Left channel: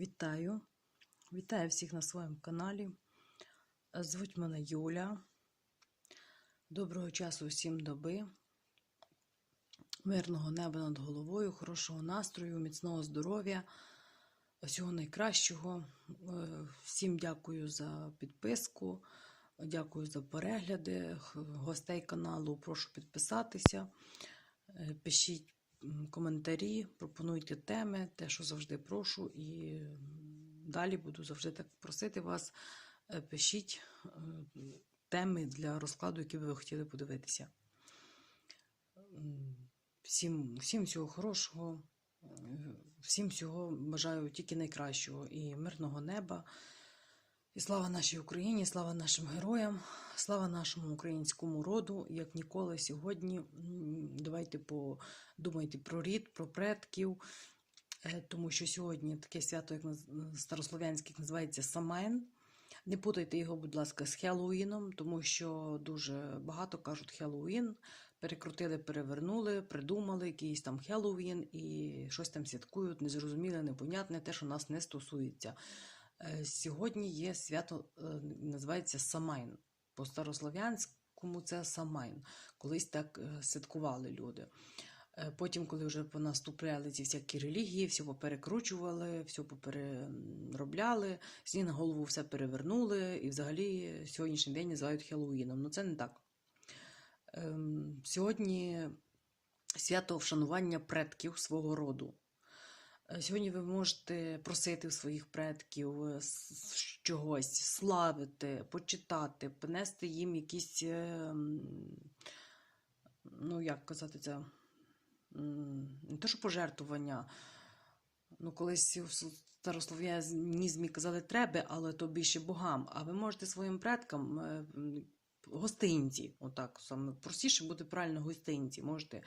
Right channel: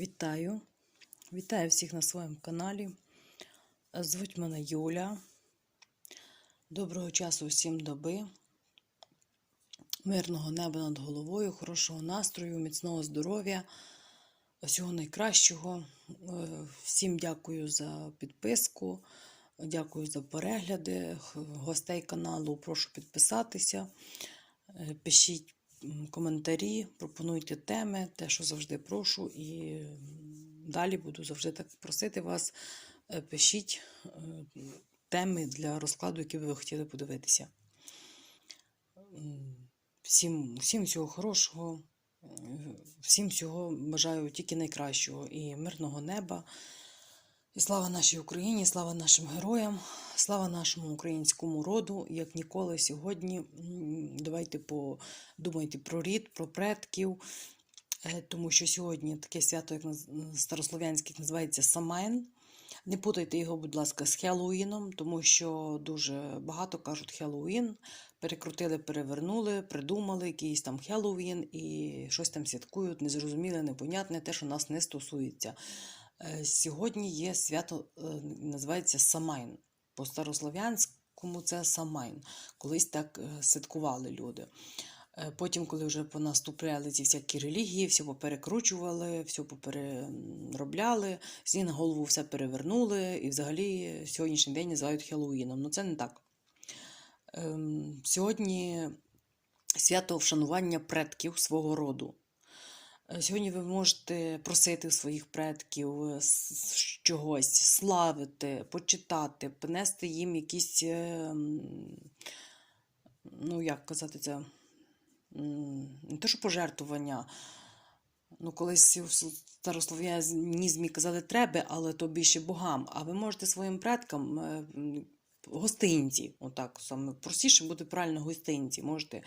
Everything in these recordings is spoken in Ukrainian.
Вітаю! Вітаю всіх на своєму каналі. Звуть мене Юля. Доброго часу всім доби, мирного неба над головою, хорошого настрою, міцного здоров'я, всього найкращого. Е, Всім дякую за підписку, дякую за перегляди. Гостей каналу прошу підписатися. Е, Пишіть коментарі, пропонуйте теми, те, що завжди прошу, і далі буду завжди так просити вас. е, Пишіть е, теми для розкладу, які ви хотіли подивитися. Всім, всім всього хорошого, е, всім всього бажаю тільки найкращого і мирного неба. І слава нашій Україні, слава нашим героям, слава нашому українському роду, як ніколи сьогодні. Давайте подумайте про рід, про предків, е, тому що сьогодні таке свято, як старослов'янське, називається Самайн. Не путайте його, будь ласка, з Хеллоуіном, тому що дуже багато кажуть Хеллоуін. Перекрутили, перевернули, придумали якийсь там Хеллоуін і щось там святкують, незрозуміле, непонятне, те, що нас не стосується. Е, Сьогодні є свято, е, називається Самайн. По старослов'янському це Самайн. Колись так е, святкували люди. Потім, коли вже понаступляли ці всякі релігії, все поперекручували, все попереробляли, ніг на голову все перевернули, і взагалі сьогоднішній день називають Хеллоуіном. Ну це не так. Ем, Сьогодні свято вшанування предків свого роду. Е, Сьогодні ви можете просити у своїх предків е, чогось, славити, почитати, принести їм якісь, е, ну як казати це, не то, що пожертвування. Ну, колись с- старослов'янізмі казали треба, але то більше богам. А ви можете своїм предкам гостинці, отак саме простіше буде правильно гостинці. Можете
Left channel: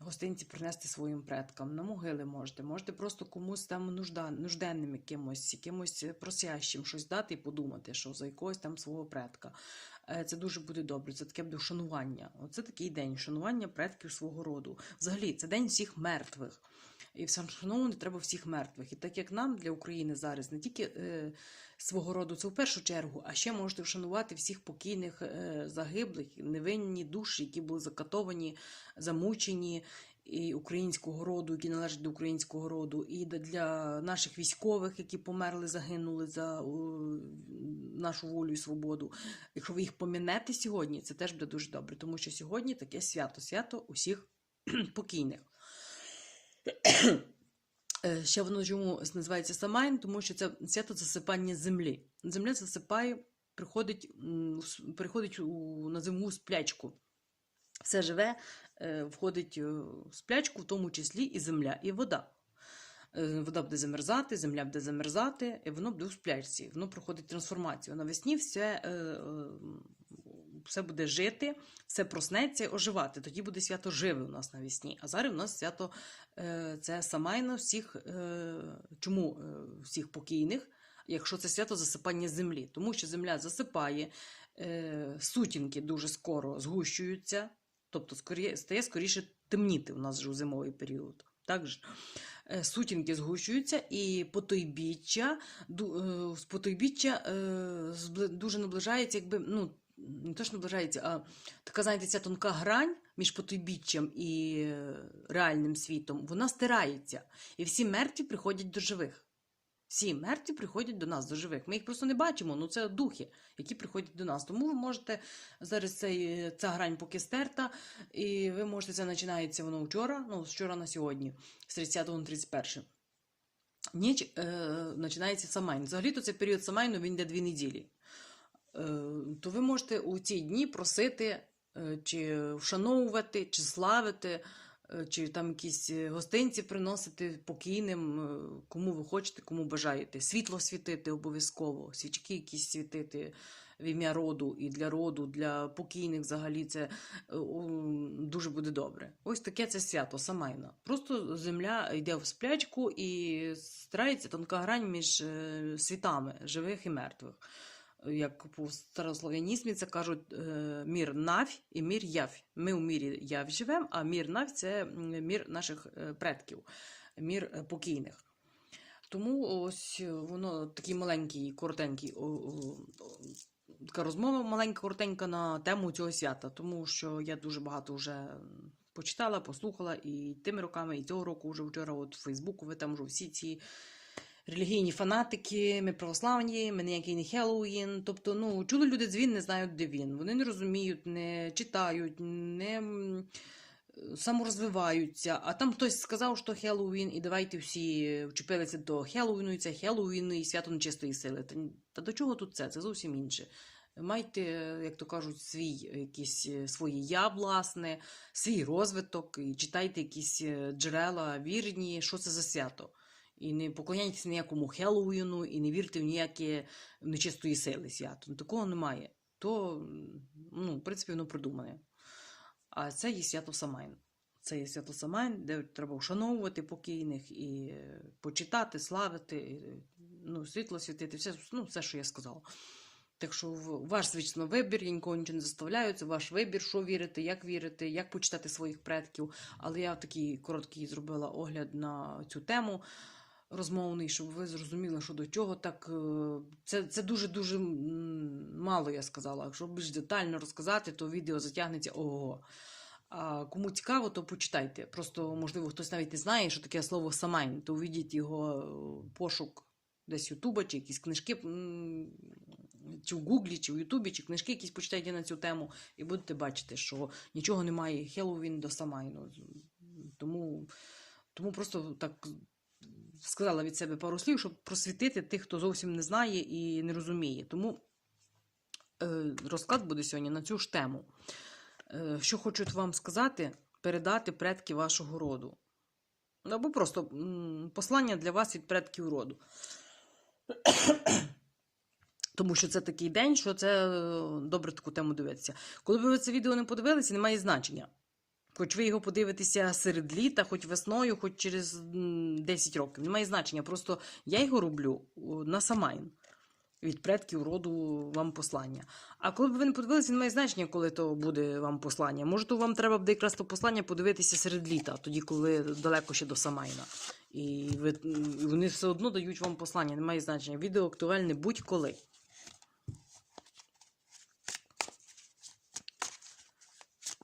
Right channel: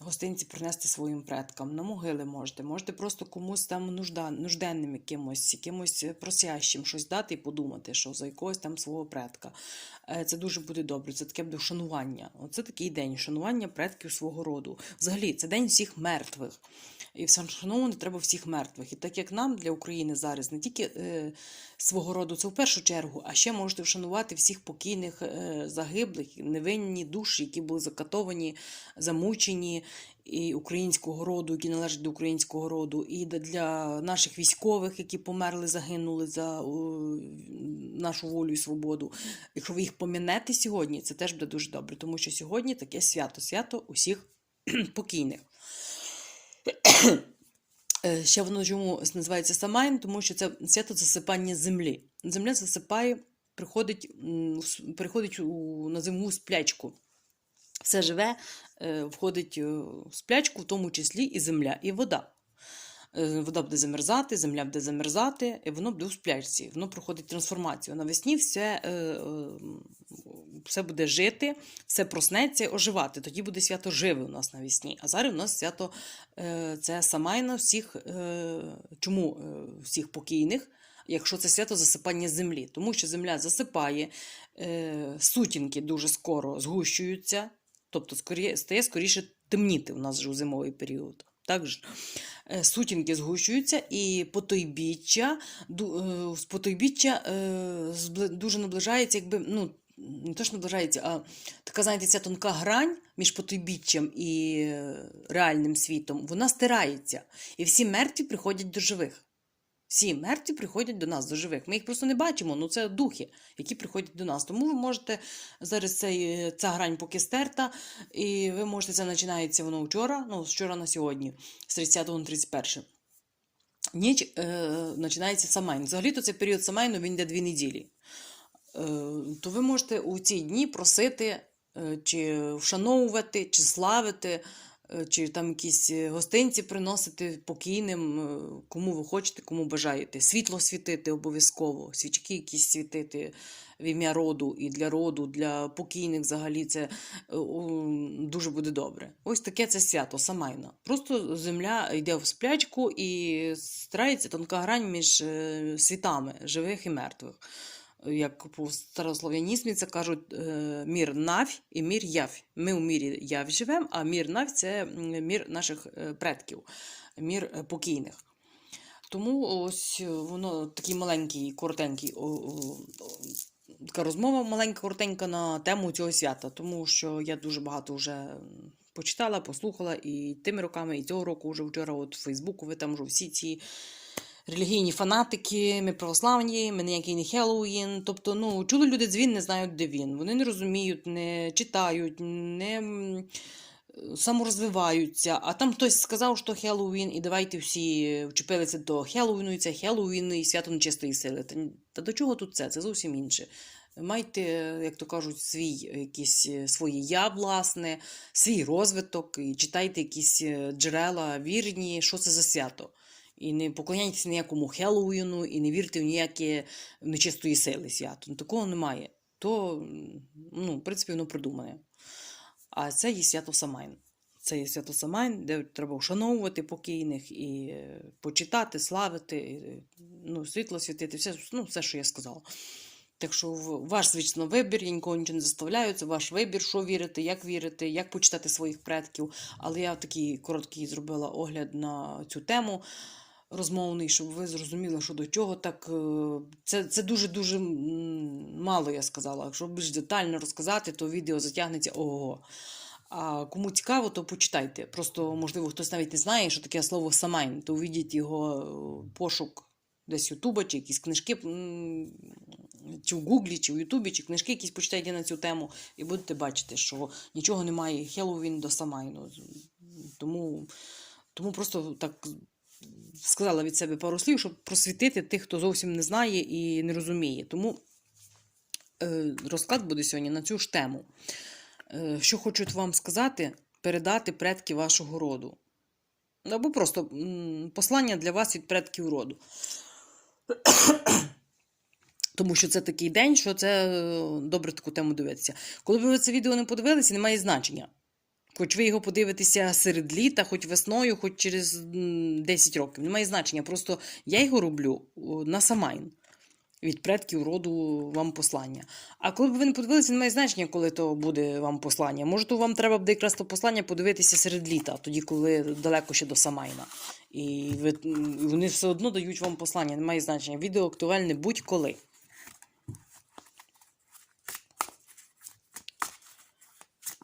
гостинці принести своїм предкам, на могили можете, можете просто комусь там нужда, нужденним якимось, якимось просящим щось дати і подумати, що за якогось там свого предка. Е, Це дуже буде добре. Це таке буде вшанування. Оце такий день шанування предків свого роду. Взагалі, це день всіх мертвих. І все вшановувати треба всіх мертвих. І так як нам для України зараз не тільки е, свого роду, це в першу чергу, а ще можете вшанувати всіх покійних е, загиблих, невинні душі, які були закатовані, замучені і українського роду, які належать до українського роду, і для наших військових, які померли, загинули за нашу волю і свободу. Якщо ви їх помінете сьогодні, це теж буде дуже добре, тому що сьогодні таке свято, свято усіх покійних. Е, Ще воно чому називається Самайн, тому що це свято засипання землі. Земля засипає, приходить, приходить у, на зиму сплячку. Все живе, е, входить е, в сплячку, в тому числі і земля, і вода. Вода буде замерзати, земля буде замерзати, і воно буде у сплячці. Воно проходить трансформацію. Навесні все, все буде жити, все проснеться, оживати. Тоді буде свято живе у нас навесні. А зараз у нас свято е, це Самайна всіх, е, чому е, всіх покійних, якщо це свято засипання землі. Тому що земля засипає, сутінки дуже скоро згущуються, тобто стає скоріше темніти у нас же у зимовий період. Так же? Е, Сутінки згущуються, і потойбіччя, з потойбіччя дуже наближається, якби, ну, не то, що наближається, а така, знаєте, ця тонка грань між потойбіччям і реальним світом, вона стирається. І всі мертві приходять до живих. Всі мертві приходять до нас, до живих. Ми їх просто не бачимо, ну це духи, які приходять до нас. Тому ви можете зараз цей, ця грань поки стерта, і ви можете, це починається воно вчора, ну, з вчора на сьогодні, з 30 на 31. Ніч е, починається Самайн. Взагалі-то цей період Самайну він йде дві неділі. Е, то ви можете у ці дні просити, е, чи вшановувати, чи славити, е, чи там якісь гостинці приносити покійним, кому ви хочете, кому бажаєте. Світло світити обов'язково, свічки якісь світити в ім'я роду і для роду, для покійних взагалі це дуже буде добре. Ось таке це свято, самайно. Просто земля йде в сплячку і старається тонка грань між світами живих і мертвих як по старослов'янізмі це кажуть е, мір навь і мір явь. Ми у мірі явь живемо, а мір навь це мір наших е, предків, мір е, покійних. Тому ось воно такий маленький, коротенький, така розмова маленька, коротенька на тему цього свята, тому що я дуже багато вже почитала, послухала і тими роками, і цього року вже вчора от в Фейсбуку ви там вже всі ці релігійні фанатики, ми православні, ми ніякий не Хеллоуін. Тобто, ну, чули люди дзвін, не знають, де він. Вони не розуміють, не читають, не саморозвиваються. А там хтось сказав, що Хеллоуін, і давайте всі вчепилися до Хеллоуіну, і це Хеллоуін і свято нечистої сили. Та, та до чого тут це? Це зовсім інше. Майте, як то кажуть, свій якісь е, своє я, власне, свій розвиток, і читайте якісь е, джерела вірні, що це за свято. І не поклоняйтеся ніякому Хеллоуіну, і не вірте в ніякі нечистої сили свято. Ну, Такого немає. То, ну, в принципі, воно придумане. А це є свято Самайн. Це є свято Самайн, де треба вшановувати покійних і е, почитати, славити, е, ну, світло світити, все, ну, все, що я сказала. Так що ваш, звісно, вибір, я нікого нічого не заставляю, це ваш вибір, що вірити, як вірити, як почитати своїх предків. Але я такий короткий зробила огляд на цю тему розмовний, щоб ви зрозуміли, що до чого. Так е, це, це дуже-дуже мало я сказала. Якщо більш детально розказати, то відео затягнеться ого. А кому цікаво, то почитайте. Просто, можливо, хтось навіть не знає, що таке слово самайн, то увідіть його е, пошук десь Ютуба, чи якісь книжки, чи в Гуглі, чи в Ютубі, чи книжки якісь почитайте на цю тему, і будете бачити, що нічого немає Хеллоуін до Самайну. Тому, тому просто так сказала від себе пару слів, щоб просвітити тих, хто зовсім не знає і не розуміє. Тому е, розклад буде сьогодні на цю ж тему. Е, що хочуть вам сказати, передати предки вашого роду. Або просто послання для вас від предків роду. Тому що це такий день, що це е, добре таку тему дивитися. Коли ви це відео не подивилися, немає значення. Хоч ви його подивитеся серед літа, хоч весною, хоч через 10 років. Немає значення. Просто я його роблю на самайн. Від предків роду вам послання. А коли б ви не подивилися, немає значення, коли то буде вам послання. Може, то вам треба буде якраз то послання подивитися серед літа, тоді, коли далеко ще до Самайна. І ви, вони все одно дають вам послання, немає значення. Відео актуальне будь-коли.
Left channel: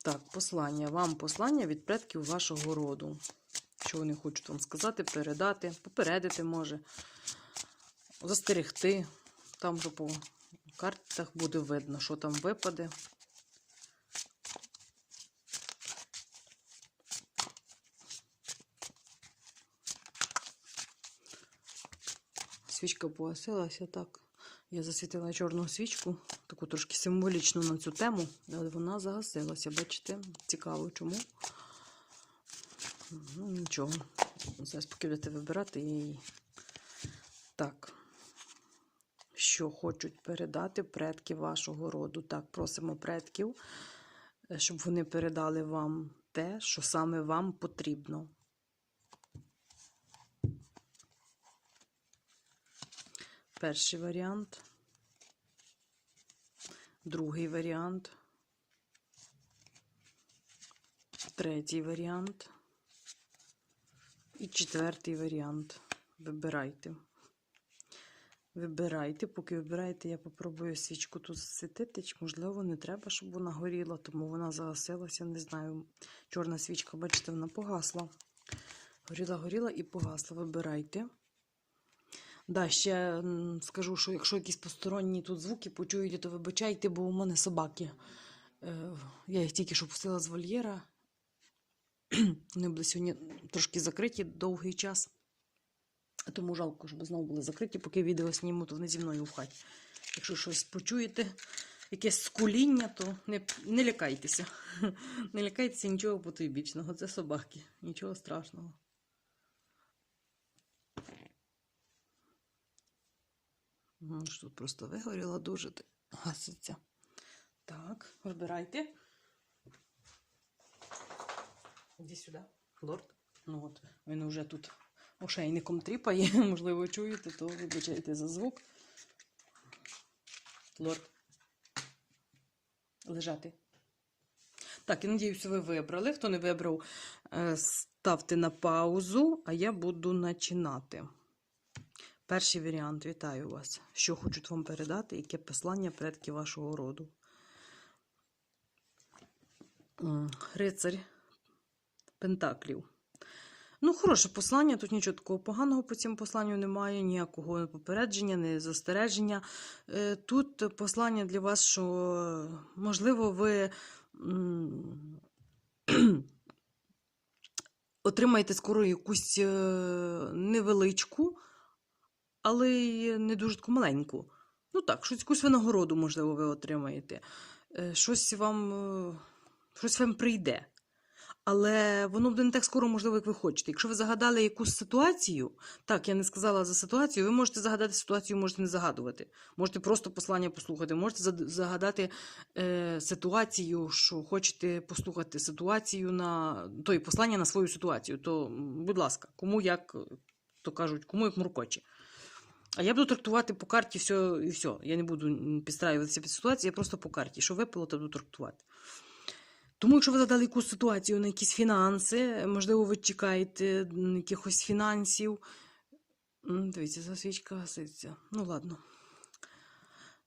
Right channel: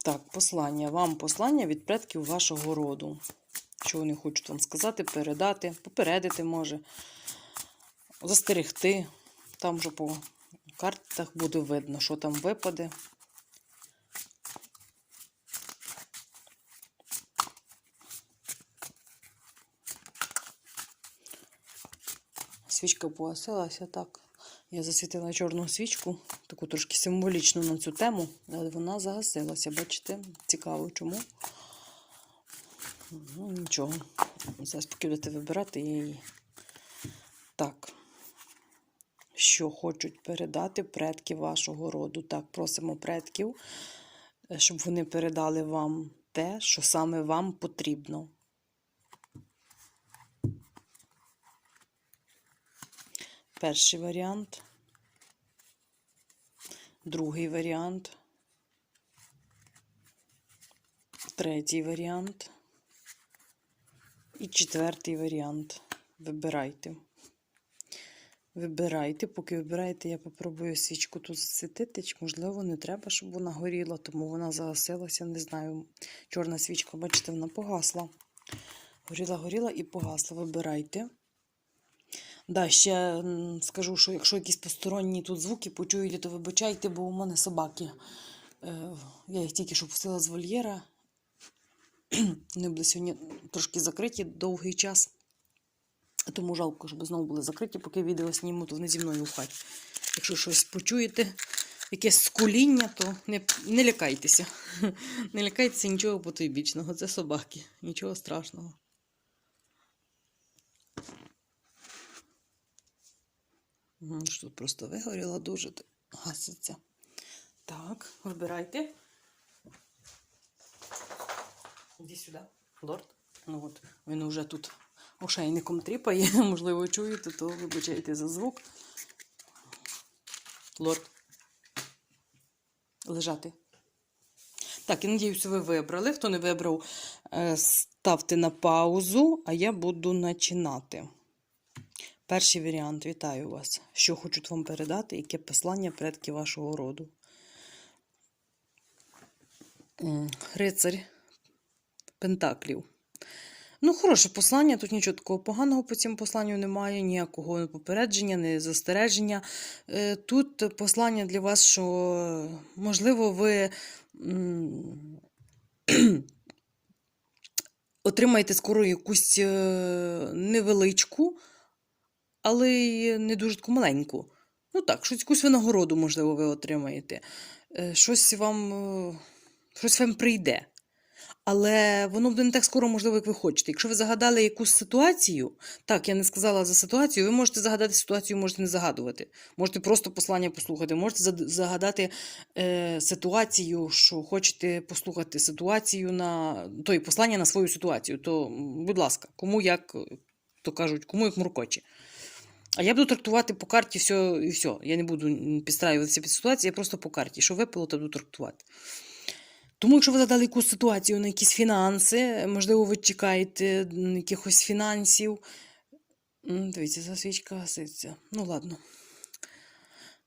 Так, послання. Вам послання від предків вашого роду. Що вони хочуть вам сказати, передати, попередити може, застерегти. Там вже по картах буде видно, що там випаде. Свічка погасилася так. Я засвітила чорну свічку, таку трошки символічну на цю тему, але вона загасилася. Бачите? Цікаво чому. Ну, нічого. Зараз поки будете вибирати її. Так. Що хочуть передати предки вашого роду? Так, просимо предків, е, щоб вони передали вам те, що саме вам потрібно. Перший варіант. Другий варіант. Третій варіант. І четвертий варіант. Вибирайте. Вибирайте, поки вибираєте, я попробую свічку тут засвітити. Можливо, не треба, щоб вона горіла, тому вона загасилася. Не знаю. Чорна свічка, бачите, вона погасла. Горіла, горіла і погасла. Вибирайте. Да, ще скажу, що якщо якісь посторонні тут звуки почуєте, то вибачайте, бо у мене собаки. Е, я їх тільки що пустила з вольєра. Вони були сьогодні трошки закриті довгий час. Тому жалко, щоб знову були закриті, поки відео зніму, то вони зі мною в хаті. Якщо щось почуєте, якесь скуління, то не, не лякайтеся. Не лякайтеся нічого потойбічного. Це собаки. Нічого страшного. Мгм, що Тут просто вигоріла дуже гаситься. Так, вибирайте. Іди сюди, лорд. Ну от, він вже тут ошейником тріпає, можливо, чуєте, то вибачайте за звук. Лорд. Лежати. Так, я надіюся, ви вибрали. Хто не вибрав, е, ставте на паузу, а я буду починати. Перший варіант. Вітаю вас. Що хочуть вам передати, яке послання предків вашого роду. Рицарь Пентаклів. Ну, хороше послання, тут нічого такого поганого по цьому посланню немає, ніякого попередження, не застереження. Е, Тут послання для вас, що, можливо, ви отримаєте скоро якусь е, невеличку, але не дуже таку маленьку. Ну так, щось якусь винагороду, можливо, ви отримаєте. Е, Щось вам, е, щось вам прийде. Але воно буде не так скоро, можливо, як ви хочете. Якщо ви загадали якусь ситуацію, так, я не сказала за ситуацію, ви можете загадати ситуацію, можете не загадувати. Можете просто послання послухати, можете загадати е, ситуацію, що хочете послухати ситуацію на той послання на свою ситуацію. То, будь ласка, кому як, то кажуть, кому як муркочі. А я буду трактувати по карті все і все. Я не буду підстраюватися під ситуацію, я просто по карті. Що випало, то буду трактувати. Тому, якщо ви задали якусь ситуацію на якісь фінанси, можливо, ви чекаєте якихось фінансів. Дивіться, за свічка гаситься. Ну, ладно.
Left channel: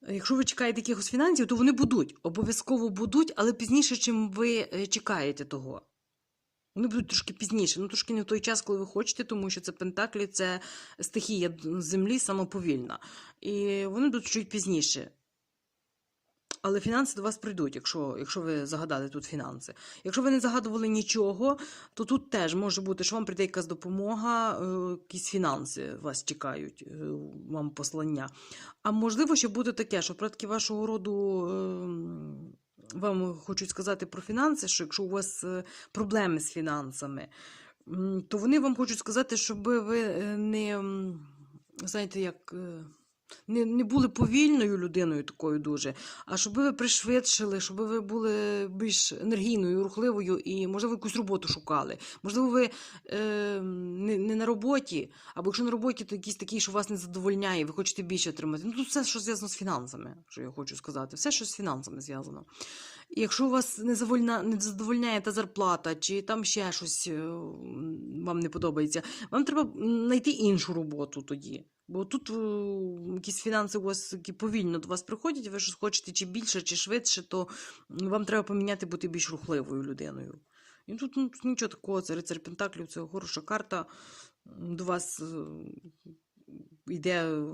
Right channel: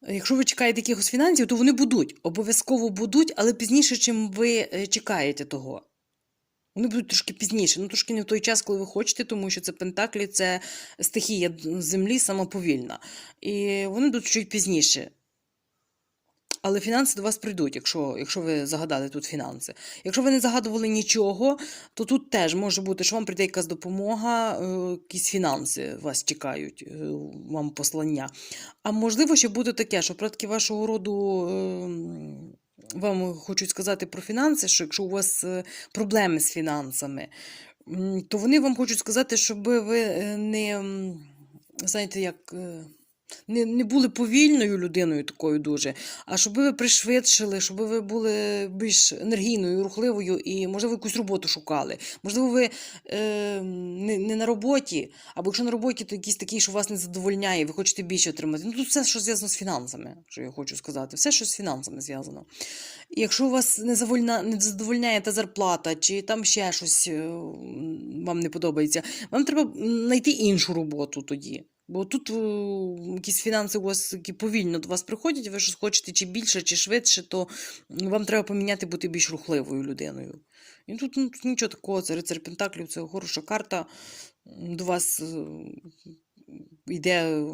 Якщо ви чекаєте якихось фінансів, то вони будуть. Обов'язково будуть, але пізніше, чим ви е, чекаєте того. Вони будуть трошки пізніше. Ну, трошки не в той час, коли ви хочете, тому що це Пентаклі, це стихія землі самоповільна. І вони будуть чуть пізніше. Але фінанси до вас прийдуть, якщо, якщо ви загадали тут фінанси. Якщо ви не загадували нічого, то тут теж може бути, що вам прийде якась допомога, е, якісь фінанси вас чекають, е, вам послання. А можливо, ще буде таке, що предки вашого роду е, вам хочуть сказати про фінанси, що якщо у вас е, проблеми з фінансами, то вони вам хочуть сказати, щоб ви е, не, знаєте, як. Не, не були повільною людиною такою дуже, а щоб ви пришвидшили, щоб ви були більш енергійною, рухливою і, можливо, якусь роботу шукали. Можливо, ви е, не, не на роботі, або якщо на роботі, то якийсь такий, що вас не задовольняє, ви хочете більше отримати. Ну, тут все, що зв'язано з фінансами, що я хочу сказати, все, що з фінансами зв'язано. Якщо у вас не, завольна, не задовольняє та зарплата, чи там ще щось е, вам не подобається, вам треба знайти іншу роботу тоді. Бо тут е, якісь фінанси у вас які повільно до вас приходять, ви щось хочете чи більше, чи швидше, то вам треба поміняти бути більш рухливою людиною. І тут, ну, тут нічого такого, це рицар Пентаклів, це хороша карта. До вас е, йде,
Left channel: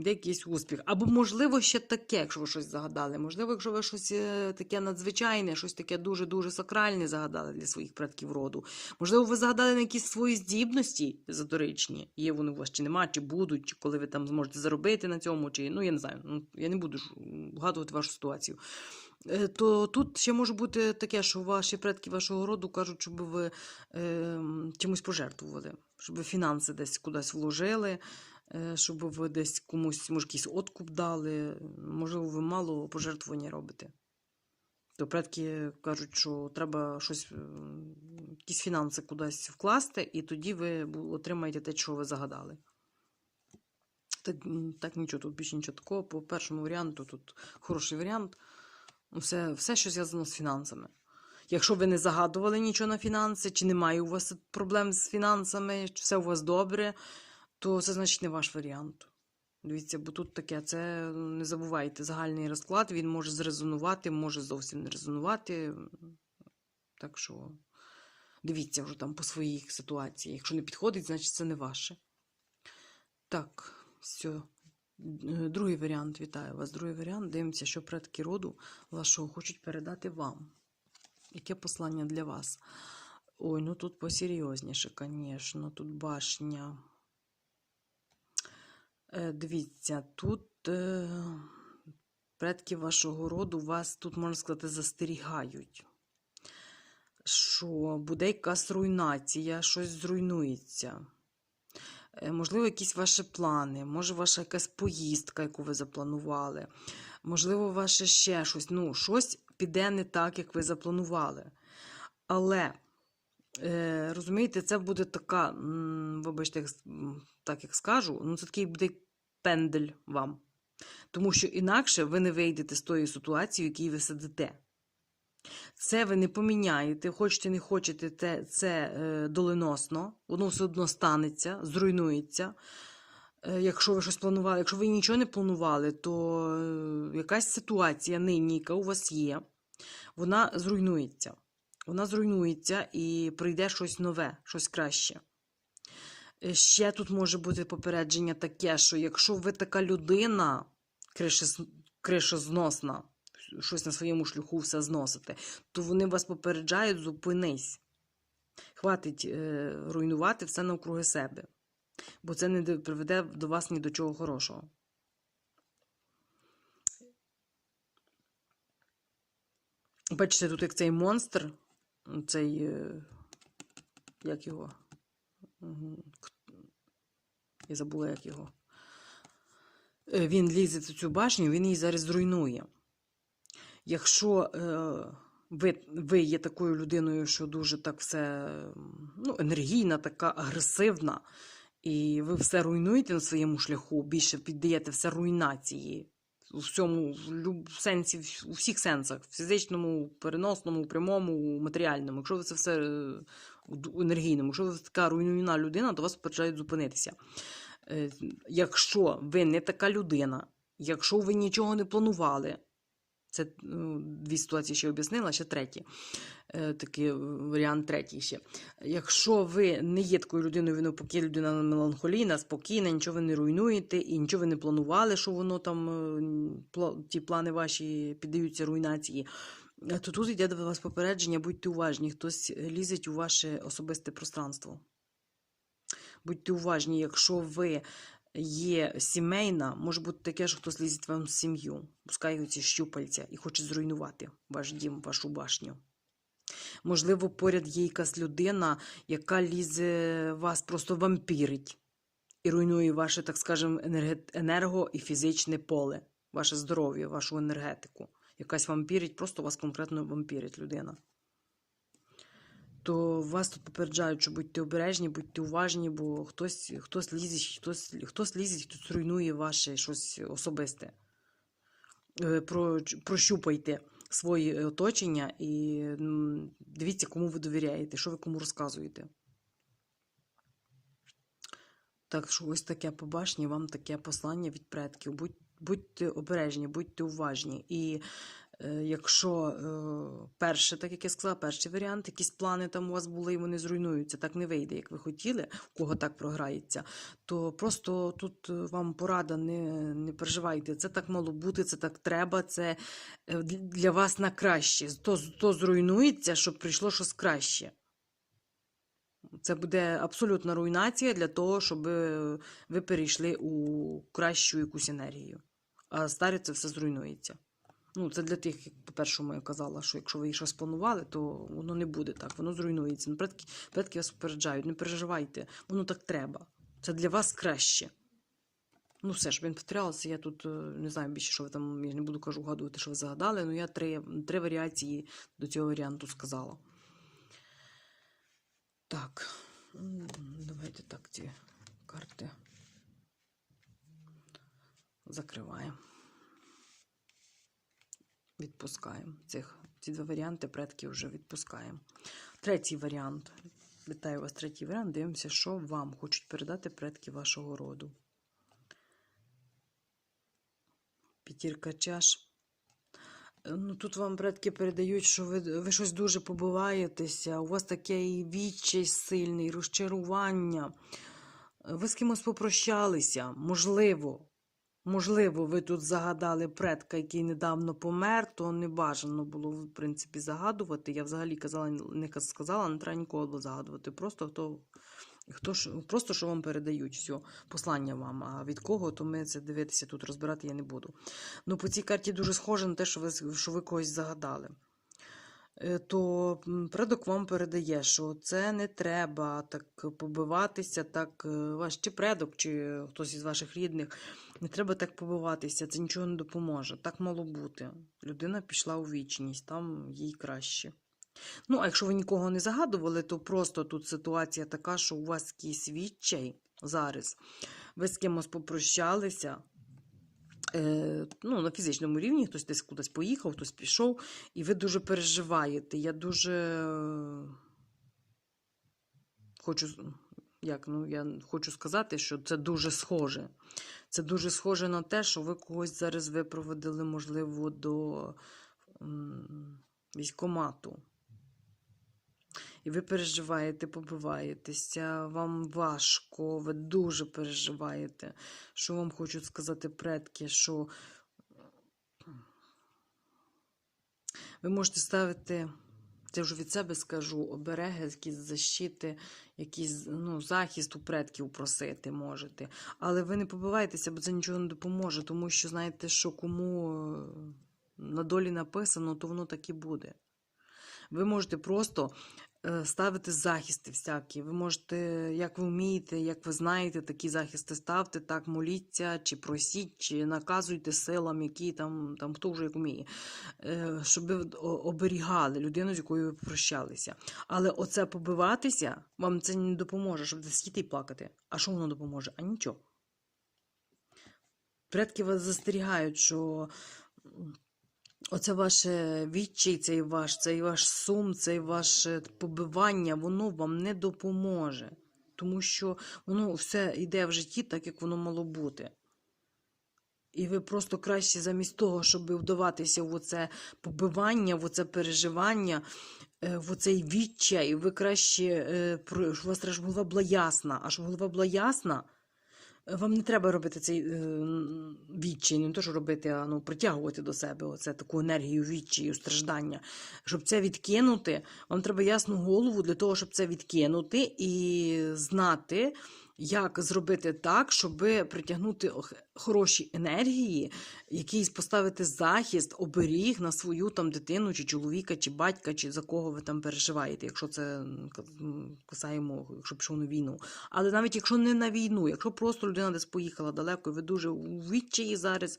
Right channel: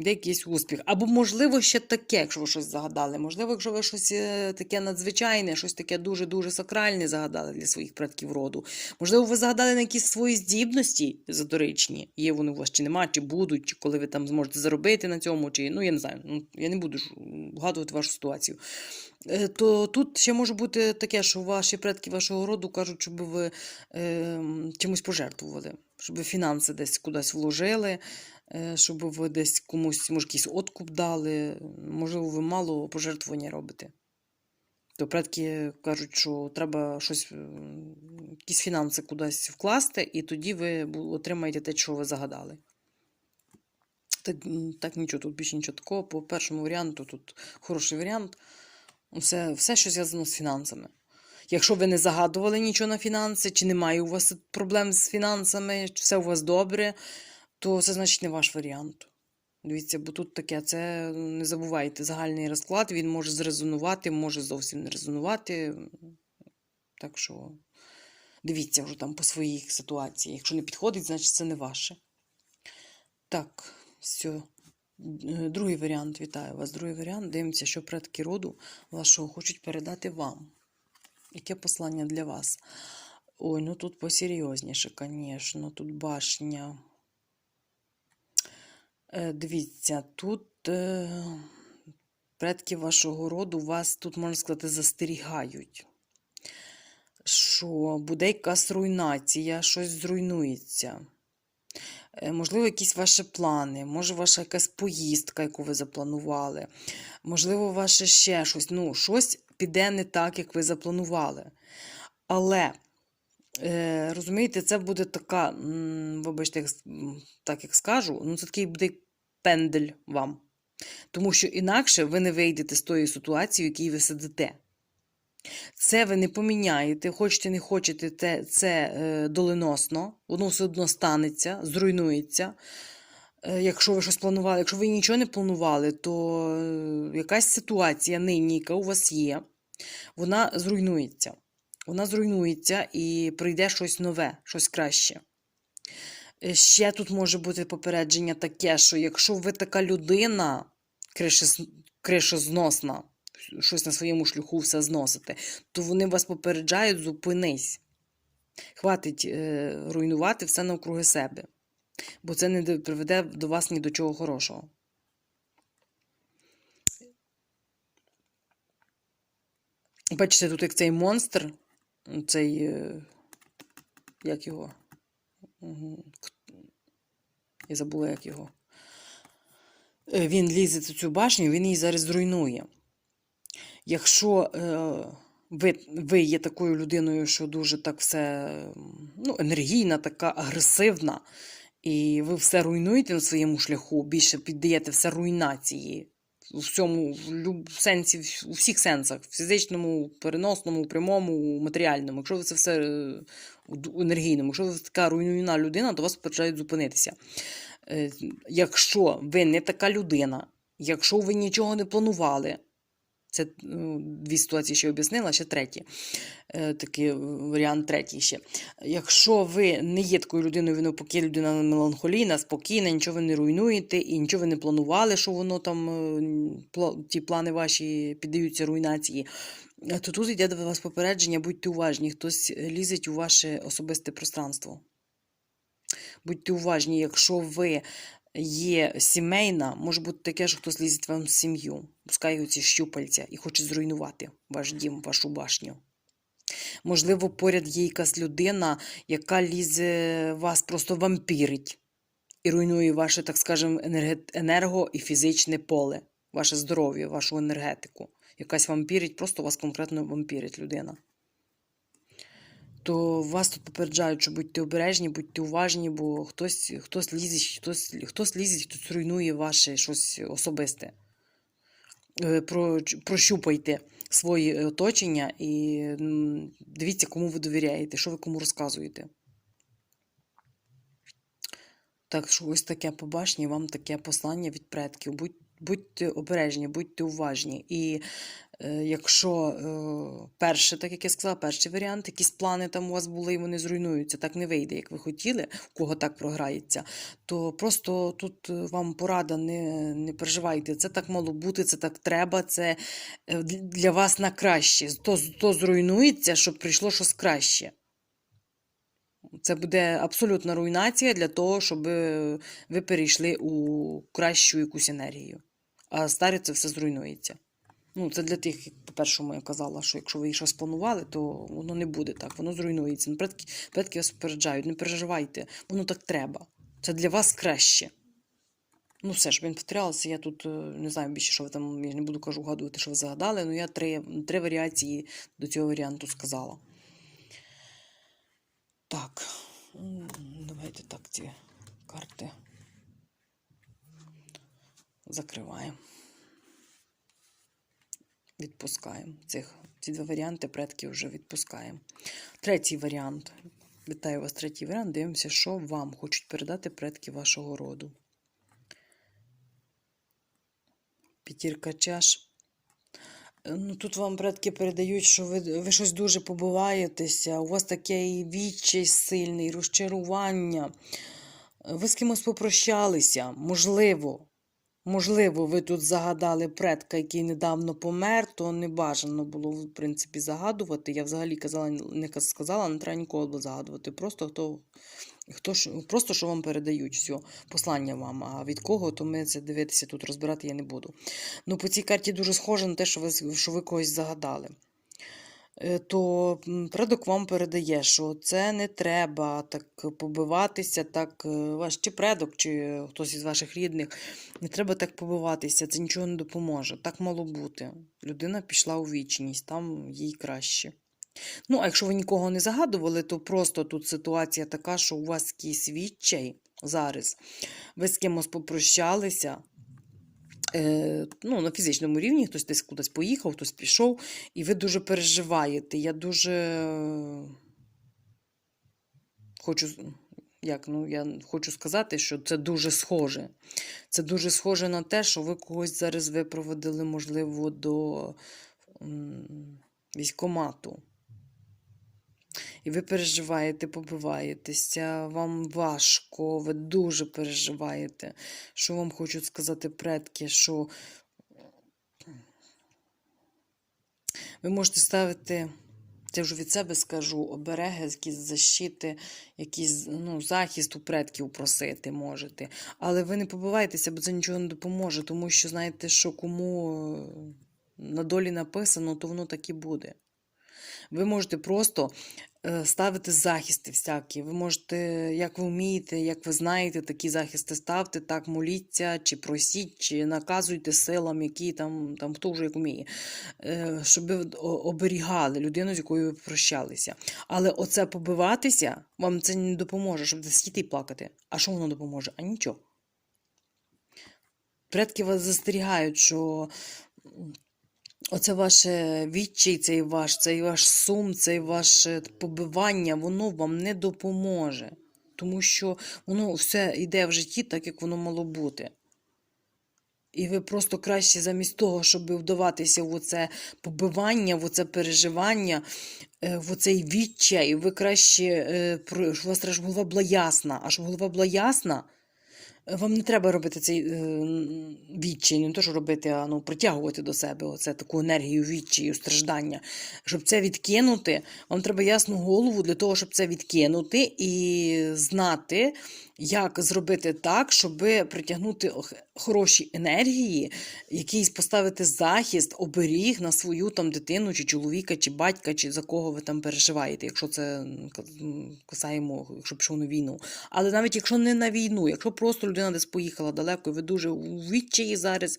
йде якийсь успіх. Або, можливо, ще таке, якщо ви щось загадали. Можливо, якщо ви щось е, таке надзвичайне, щось таке дуже-дуже сакральне загадали для своїх предків роду. Можливо, ви загадали на якісь свої здібності езотеричні. Є вони у вас чи нема, чи будуть, чи коли ви там зможете заробити на цьому, чи ну я не знаю. Ну, я не буду вгадувати вашу ситуацію. Е, То тут ще може бути таке, що ваші предки вашого роду кажуть, щоб ви е, чимось пожертвували, щоб ви фінанси десь кудись вложили, щоб ви десь комусь, може, якийсь откуп дали. Можливо, ви мало пожертвування робите. То предки кажуть, що треба щось, якісь фінанси кудись вкласти, і тоді ви отримаєте те, що ви загадали. Так, так нічого, тут більше нічого такого. По першому варіанту тут хороший варіант. Все, все, що зв'язано з фінансами. Якщо ви не загадували нічого на фінанси, чи немає у вас проблем з фінансами, чи все у вас добре, то це значить не ваш варіант. Дивіться, бо тут таке, це не забувайте, загальний розклад, він може зрезонувати, може зовсім не резонувати. Так що дивіться вже там по своїй ситуації. Якщо не підходить, значить це не ваше. Так, все. Другий варіант, вітаю вас. Другий варіант. Дивимося, що предки роду вашого хочуть передати вам. Яке послання для вас? Ой, ну тут посерйозніше, звісно. Тут башня. Е, Дивіться, тут е, предки вашого роду вас тут, можна сказати, застерігають. Що буде якась руйнація, щось зруйнується. Е, Можливо, якісь ваші плани, може, ваша якась поїздка, яку ви запланували. Можливо, ваше ще щось. Ну, щось піде не так, як ви запланували. Але, розумієте, це буде така, вибачте, так як скажу, ну це такий буде пендель вам. Тому що інакше ви не вийдете з тої ситуації, в якій ви сидите. Це ви не поміняєте, хочете, не хочете, те, це е, доленосно, воно все одно станеться, зруйнується. Е, Якщо ви щось планували, якщо ви нічого не планували, то е, якась ситуація нині, яка у вас є, вона зруйнується. Вона зруйнується і прийде щось нове, щось краще. Е, Ще тут може бути попередження таке, що якщо ви така людина, кришозносна, щось на своєму шляху все зносите, то вони вас попереджають, зупинись. Хватить е, руйнувати все навкруги себе, бо це не приведе до вас ні до чого хорошого. Бачите, тут як цей монстр, цей. е, Як його? Я забула, як його. Е, Він лізе в цю башню, він її зараз зруйнує. Якщо е, ви, ви є такою людиною, що дуже так все ну, енергійна, така агресивна, і ви все руйнуєте на своєму шляху, більше піддаєте все руйнації в люб- в сенсі, у всіх сенсах, в фізичному, переносному, прямому, матеріальному. Якщо ви це все е, енергійному, якщо ви така руйнівна людина, то вас почають зупинитися. Е, Якщо ви не така людина, якщо ви нічого не планували, це ну, дві ситуації ще об'яснила, ще третє. Е, Такий варіант третій ще. Якщо ви не є такою людиною, ви навпаки людина меланхолійна, спокійна, нічого ви не руйнуєте і нічого ви не планували, що воно там, е, ті плани ваші піддаються руйнації, е, то тут йде до вас попередження, будьте уважні, хтось лізить у ваше особисте пространство. Будьте уважні, якщо ви є сімейна, може бути таке, що хтось лізить вам в сім'ю, пускає ці щупальця і хоче зруйнувати ваш дім, вашу башню. Можливо, поряд є якась людина, яка лізе вас просто вампірить і руйнує ваше, так скажемо, енерго і фізичне поле, ваше здоров'я, вашу енергетику. Якась вампірить, просто вас конкретно вампірить людина то вас тут попереджають, що будьте обережні, будьте уважні, бо хтось, хтось лізить, хтось, хтось лізить, хтось руйнує ваше щось особисте. Е, Про, прощупайте своє оточення і дивіться, кому ви довіряєте, що ви кому розказуєте. Так що ось таке побачення, вам таке послання від предків. Будь, будьте обережні, будьте уважні. І якщо е, перше, так як я сказала, перший варіант, якісь плани там у вас були і вони зруйнуються, так не вийде, як ви хотіли, у кого так програється, то просто тут е, вам порада, не, не переживайте. Це так мало бути, це так треба, це е, для вас на краще. То, то зруйнується, щоб прийшло щось краще. Це буде абсолютна руйнація для того, щоб е, ви перейшли у кращу якусь енергію. А старе це все зруйнується. Ну, це для тих, як по-першому я казала, що якщо ви щось планували, то воно не буде так, воно зруйнується. Ну, предки, предки вас попереджають, не переживайте, воно так треба. Це для вас краще. Ну, все ж, я не повторялася, я тут е, не знаю більше, що ви там, я не буду кажу, вгадувати, що ви загадали, але я три, три варіації до цього варіанту сказала. Так, давайте так ці карти закриваємо. Відпускаємо. Цих, ці два варіанти предки вже відпускаємо. Третій варіант. Вітаю вас, третій варіант. Дивимося, що вам хочуть передати предки вашого роду. П'ятірка чаш. Ну, тут вам предки передають, що ви, ви щось дуже побиваєтеся, у вас таке відчай сильний, розчарування. Ви з кимось попрощалися, можливо. Можливо, ви тут загадали предка, який недавно помер, то не бажано було, в принципі, загадувати. Я взагалі казала, не сказала, не треба нікого було загадувати. Просто хто, хто ж, просто що вам передають, все, послання вам. А від кого, то ми це дивитися тут розбирати я не буду. Ну, по цій карті дуже схоже на те, що ви, що ви когось загадали. Е, То предок вам передає, що це не треба так побиватися, так е, ваш чи предок, чи хтось із ваших рідних, не треба так побиватися, це нічого не допоможе. Так мало бути. Людина пішла у вічність, там їй краще. Ну, а якщо ви нікого не загадували, то просто тут ситуація така, що у вас якийсь відчай зараз. Ви з кимось попрощалися. Е, ну, на фізичному рівні хтось десь кудись поїхав, хтось пішов, і ви дуже переживаєте. Я дуже е, хочу, як, ну, я хочу сказати, що це дуже схоже. Це дуже схоже на те, що ви когось зараз випроводили, можливо, до військомату. І ви переживаєте, побиваєтеся, вам важко, ви дуже переживаєте. Що вам хочуть сказати предки, що ви можете ставити, це вже від себе скажу, обереги, якісь защити, якийсь ну, захист у предків просити можете. Але ви не побивайтеся, бо це нічого не допоможе, тому що знаєте, що кому е, на долі написано, то воно так і буде. Ви можете просто ставити захисти всякі. Ви можете, як ви вмієте, як ви знаєте, такі захисти ставте, так моліться, чи просіть, чи наказуйте силам, які там, там хто вже як вміє, е, щоб ви оберігали людину, з якою ви прощалися. Але оце побиватися вам це не допоможе, щоб сидіти і плакати. А що воно допоможе? А нічого. Предки вас застерігають, що Оце ваше відчай, цей ваш, цей ваш сум, цей ваше побивання, воно вам не допоможе. Тому що воно все йде в житті так, як воно мало бути. І ви просто краще замість того, щоб вдаватися в оце побивання, в оце переживання, е, в оцей відчай, ви краще, е, щоб у вас голова була ясна. А щоб голова була ясна, вам не треба робити цей е, відчай, не то, що робити, а ну, притягувати до себе оце, таку енергію відчаю, страждання. Щоб це відкинути, вам треба ясну голову для того, щоб це відкинути і знати, як зробити так, щоб притягнути хороші енергії, якийсь поставити захист, оберіг на свою там дитину, чи чоловіка, чи батька, чи за кого ви там переживаєте, якщо це касаємо, якщо пішов на війну. Але навіть якщо не на війну, якщо просто людина десь поїхала далеко, ви дуже у відчаї зараз.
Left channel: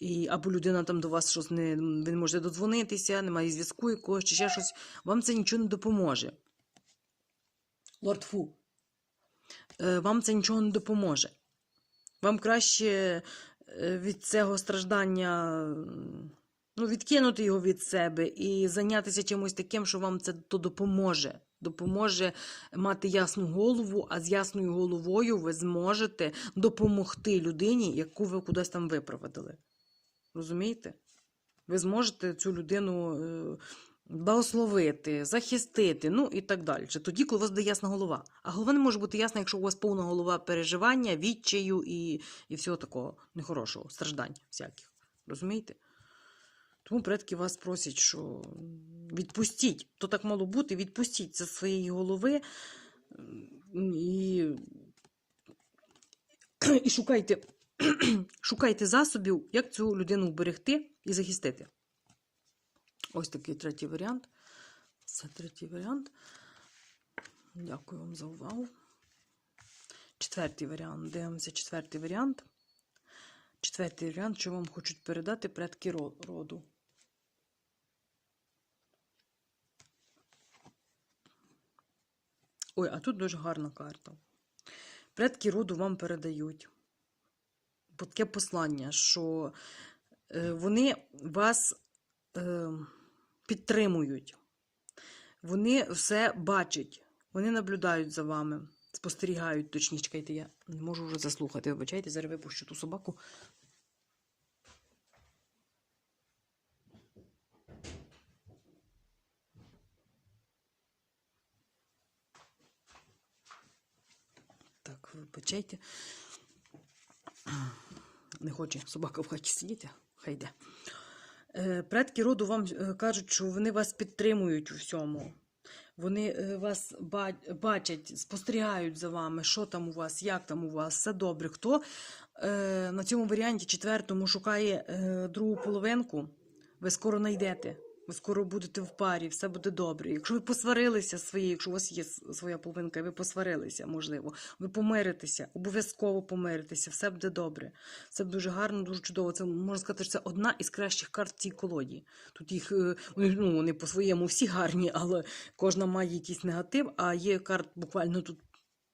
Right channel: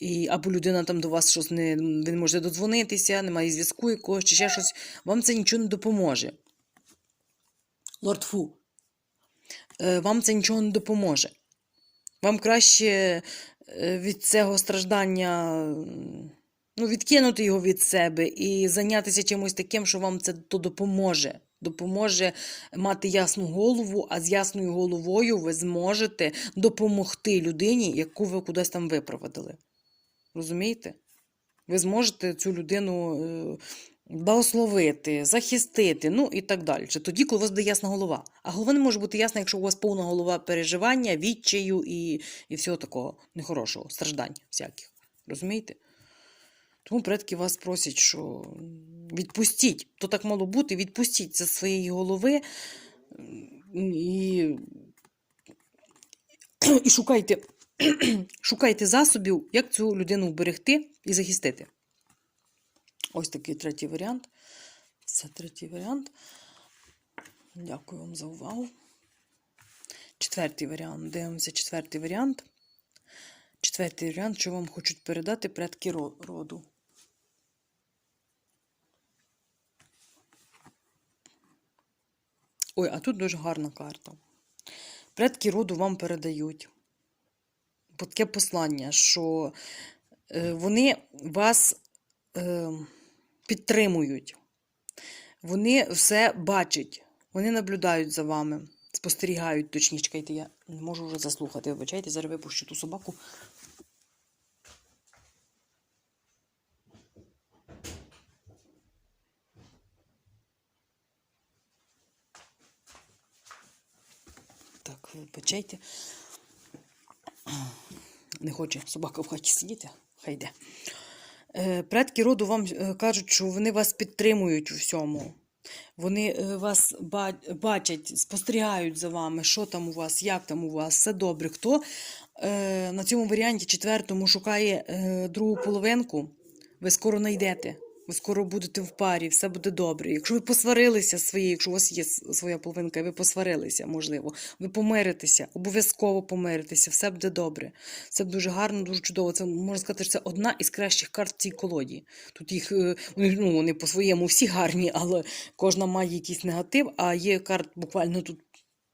І, або людина там до вас щось не, не можете додзвонитися, немає зв'язку якогось, чи ще щось, вам це нічого не допоможе. Лорд Фу, вам це нічого не допоможе. Вам краще е, від цього страждання ну, відкинути його від себе і зайнятися чимось таким, що вам це то допоможе. Допоможе мати ясну голову, а з ясною головою ви зможете допомогти людині, яку ви кудись там випроводили. Розумієте? Ви зможете цю людину е, благословити, захистити, ну і так далі. Тоді, коли у вас буде ясна голова. А голова не може бути ясна, якщо у вас повна голова переживання, відчаю і, і всього такого нехорошого, страждань всяких. Розумієте? Тому предки вас просять, що відпустіть, то так мало бути, відпустіть це з своєї голови і, і шукайте, шукайте засобів, як цю людину вберегти і захистити. Ось такий третій варіант. Це третій варіант. Дякую вам за увагу. Четвертий варіант. Дивимося четвертий варіант. Четвертий варіант, що вам хочуть передати предки роду. Ой, а тут дуже гарна карта. Предки роду вам передають таке послання, що е, вони вас е, підтримують. Вони все бачать, вони наблюдають за вами, спостерігають точніше. Чекайте, я не можу вже заслухати. Вибачайте, зараз випущу ту собаку. Так, вибачайте. Не хоче собака в хаті сидіти, хай йде. Е, Предки роду вам е, кажуть, що вони вас підтримують у всьому. Вони е, вас бачать, спостерігають за вами, що там у вас, як там у вас, все добре. Хто на цьому варіанті четвертому шукає другу половинку, ви скоро знайдете. Ви скоро будете в парі, все буде добре. Якщо ви посварилися своєю, якщо у вас є своя половинка, ви посварилися, можливо, ви помиритеся, обов'язково помиритеся, все буде добре. Це дуже гарно, дуже чудово. Це можна сказати, що це одна із кращих карт в цій колоді. Тут їх е, ну, вони по-своєму всі гарні, але кожна має якийсь негатив, а є карт буквально тут.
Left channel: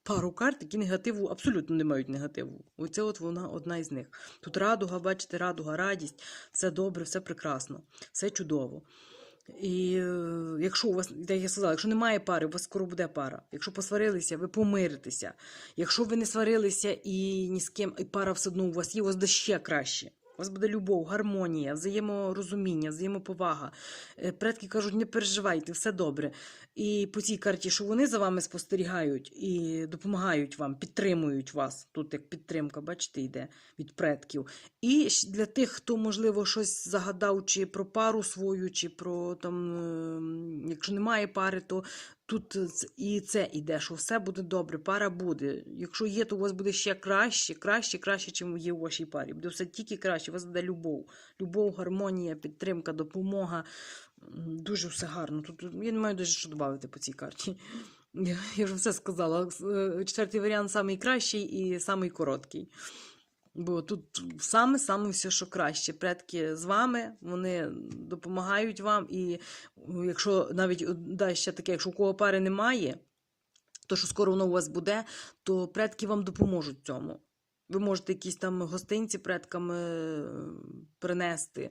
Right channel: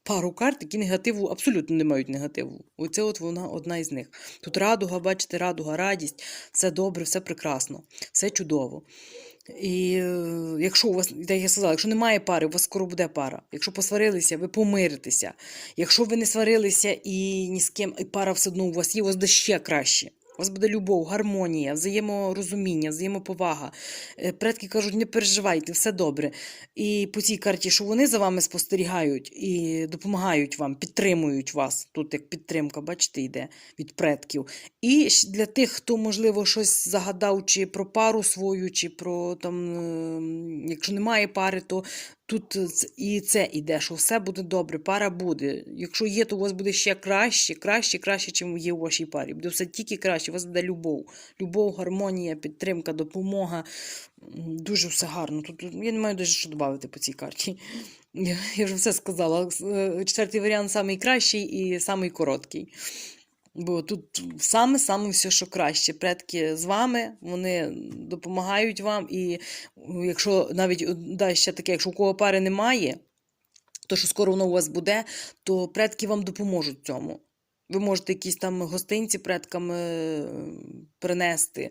Пару карт, які негативу абсолютно не мають негативу. Оце от вона одна із них. Тут радуга, бачите, радуга, радість, все добре, все прекрасно, все чудово. І е, якщо у вас, як я сказала, якщо немає пари, у вас скоро буде пара. Якщо посварилися, ви помиритеся. Якщо ви не сварилися і ні з ким, і пара все одно у вас є, у вас буде ще краще. У вас буде любов, гармонія, взаєморозуміння, взаємоповага. Е, Предки кажуть, не переживайте, все добре. І по цій карті, що вони за вами спостерігають і допомагають вам, підтримують вас. Тут як підтримка, бачите, йде від предків. І для тих, хто, можливо, щось загадав, чи про пару свою, чи про там, е, якщо немає пари, то тут і це іде, що все буде добре, пара буде. Якщо є, то у вас буде ще краще, краще, краще, чим є у вашій парі. Буде все тільки краще, у вас буде любов. Любов, гармонія, підтримка, допомога. Дуже все гарно. Тут я не маю дуже що додати по цій карті. Я, вже все сказала. Е, Четвертий варіант найкращий і самий короткий. Бо тут саме саме все, що краще. Предки з вами, вони допомагають вам. І якщо навіть да, ще таке, якщо у кого пари немає, то що скоро воно у вас буде, то предки вам допоможуть цьому. Ви можете якісь там гостинці предкам е, принести,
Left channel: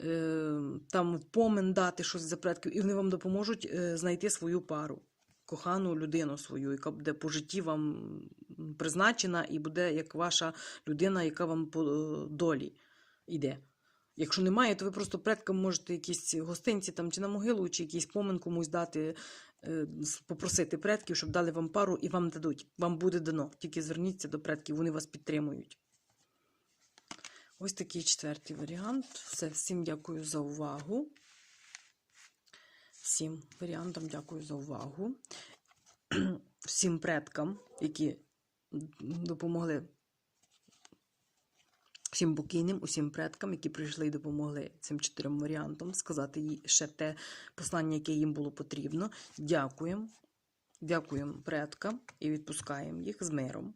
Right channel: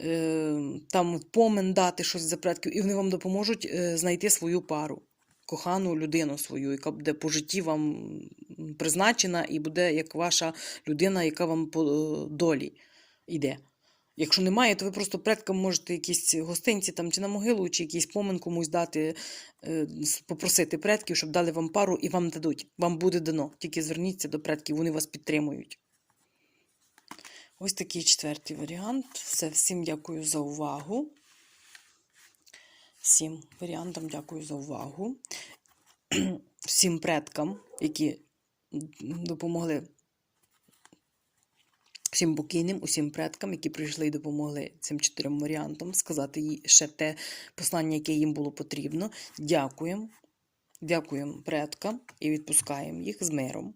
е, там помен дати щось за предків, і вони вам допоможуть е, знайти свою пару, кохану людину свою, яка буде по житті вам призначена, і буде як ваша людина, яка вам по е, долі йде. Якщо немає, то ви просто предкам можете якісь гостинці там чи на могилу, чи якийсь помен комусь дати, е, попросити предків, щоб дали вам пару і вам дадуть. Вам буде дано. Тільки зверніться до предків, вони вас підтримують. Ось такий четвертий варіант. Все, всім дякую за увагу. Всім варіантам дякую за увагу. Всім предкам, які допомогли всім покійним, усім предкам, які прийшли і допомогли цим чотирьом варіантам, сказати їй ще те послання, яке їм було потрібно. Дякуємо. Дякуємо предкам і відпускаємо їх з миром.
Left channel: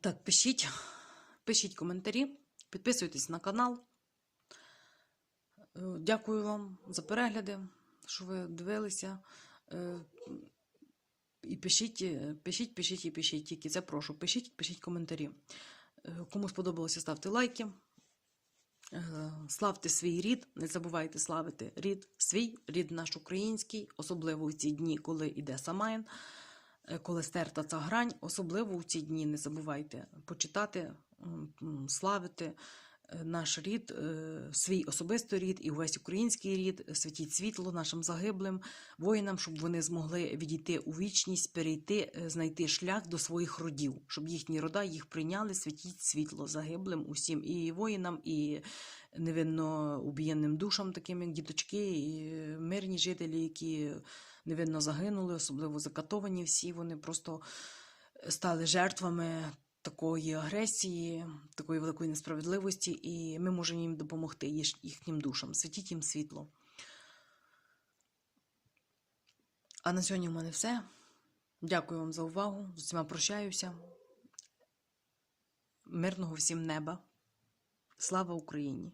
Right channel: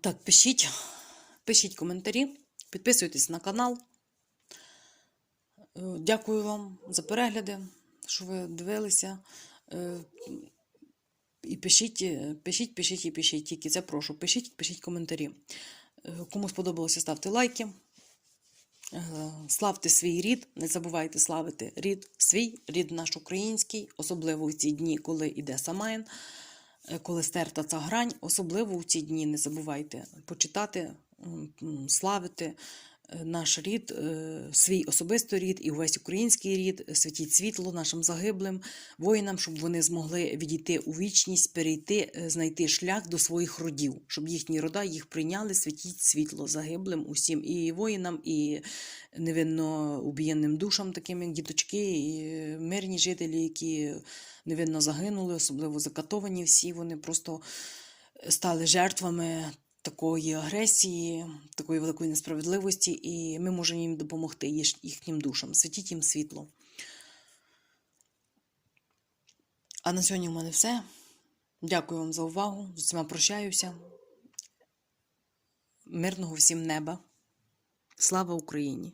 Так, пишіть, пишіть коментарі, підписуйтесь на канал. Е, Дякую вам за перегляди, що ви дивилися. Е, І пишіть, е, пишіть, пишіть і пишіть. Тільки це прошу. Пишіть, пишіть коментарі. Кому сподобалося, ставте лайки. Славте свій рід, не забувайте славити рід свій, рід наш український, особливо в ці дні, коли йде Самайн, коли стерта ця грань, особливо в ці дні не забувайте почитати, славити наш рід, е, свій особистий рід і увесь український рід, святіть світло нашим загиблим воїнам, щоб вони змогли відійти у вічність, перейти, е, знайти шлях до своїх родів, щоб їхні рода їх прийняли, святіть світло загиблим усім і воїнам, і невинно убієнним душам, таким як діточки, і мирні жителі, які невинно загинули, особливо закатовані всі, вони просто стали жертвами такої агресії, такої великої несправедливості, і ми можемо їм допомогти їхнім душам. Світіть їм світло. А на сьогодні в мене все. Дякую вам за увагу. З усіма прощаюся. Мирного всім неба. Слава Україні!